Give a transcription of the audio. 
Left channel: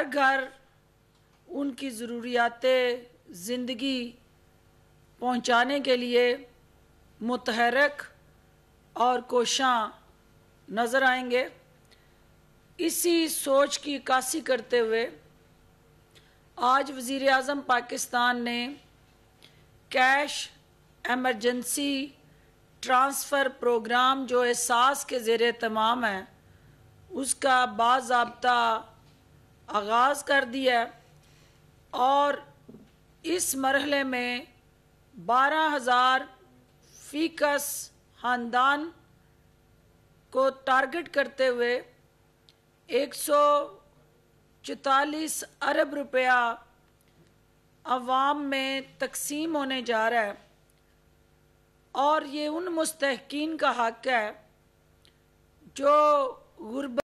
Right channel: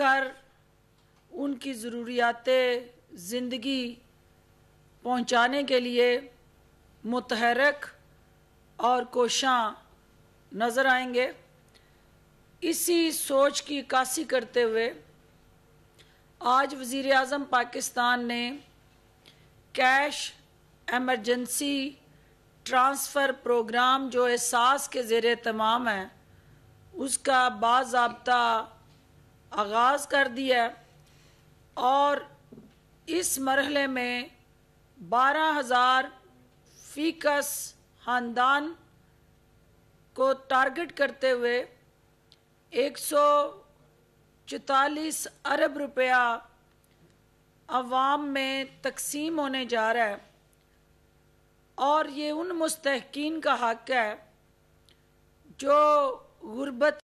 कर उनकी ज़रूरियात ज़िंदगी पहुँचाने के लिए मुतहर्रिक और कोशां नजर आएंगे। इसी सोच की कासी करते हुए आज वज़ीर-ए-आज़म पाकिस्तान ने कैश एमरजेंसी ट्रांसफ़र प्रोग्राम जो एहसास के ज़ेर-ए-तमाम है उसका बाज़ाब्ता आगाज़ कर दिया है और इस मरहले में 12,000 फ़ीकस खानदान को टारगेट करते हुए 144 अरब रुपया अवाम में तकसीम होने जा रहा है और ये उन मुस्तहिकीन का हक है जो गुर्बत